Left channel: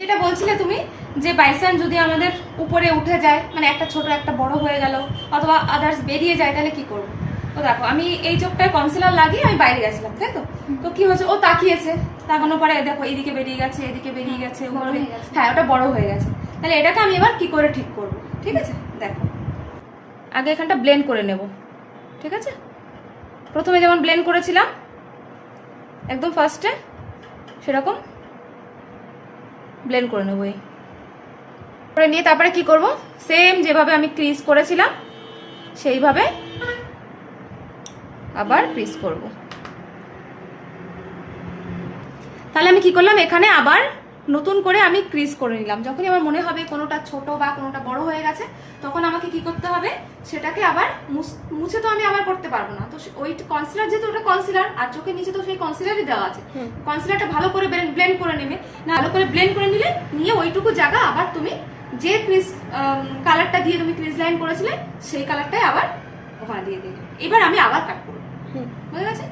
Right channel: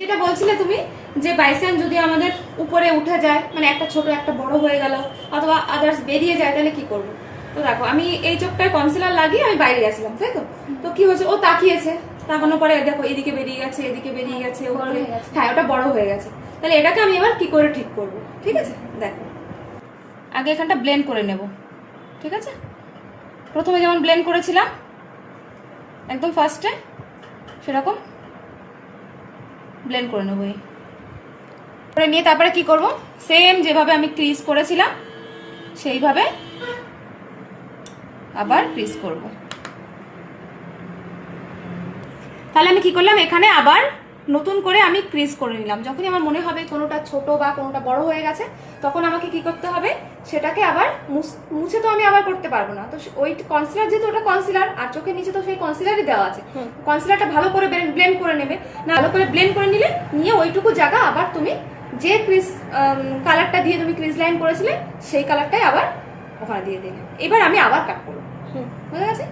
যেটা বলছিলে তুমি যে বাইচান্স যদি আমাদের উপরে উঠে যায়, মানে একটা ছোট একটা বড় হয়ে গেল অথবা আদার্স বেরিয়ে যায়, তাহলে কি করবো? তো দেখো, আমি এই চোখটায় কনসিলার লাগিয়ে আমি বাইরে গেছিলাম, তাই তো? তো কি হয়েছে, ও তাকিয়েছে, তাকানোর পরে দেখো এদিকে বেরিয়ে গেছে, এদিকে বেরিয়ে গেছে, হ্যাঁ ওটা বড় হয়ে গেছে। তাহলে এটাকে আমি এবার কি করে ঠিক করবো? ঠিক আছে, দেখো আগে এখানটা ব্লেন্ড করে নেব। ঠিক আছে, প্রথমে যেমন ব্লেন্ড করেছিলাম একদম ফার্স্টে, সেরকম ব্লেন্ড করে নেবো। করে নিয়ে তারপরে কি করব, সেম যেভাবে আমি ক্রিজ করেছিলাম সেইভাবে আবার ক্রিজ করব। তাহলে আমি কি করলাম, এখানে আবার নতুন করে আমি ক্রিজ করে নিলাম। যখনই আমার মনে হবে কোনোটা ছোট বা কোনোটা বড় হয়ে গেছে, তখন আমাকে কি করতে হবে, সেটাকে আবার মুছে তো আমি আবার করতে পারবো না। তো ওই কনসিলার, যেহেতু ওটা কনসিলার আর চোখের নিচে তো সেই কনসিলারই দেওয়া আছে, কনসিলারটা ভালো করে ব্লেন্ড করে নেবে। না, ভালো করে ব্লেন্ড করে নিলে, নিয়ে ওইটুকু জায়গা আবার তুমি যে ক্রিজ কালারটা দিয়ে তুমি ক্রিজ লাইন করেছিলে সেই কালারটাই আবার ওখানে দিয়ে দিলে। এবার আমি আবার কাট করবো, বুঝা গেছে?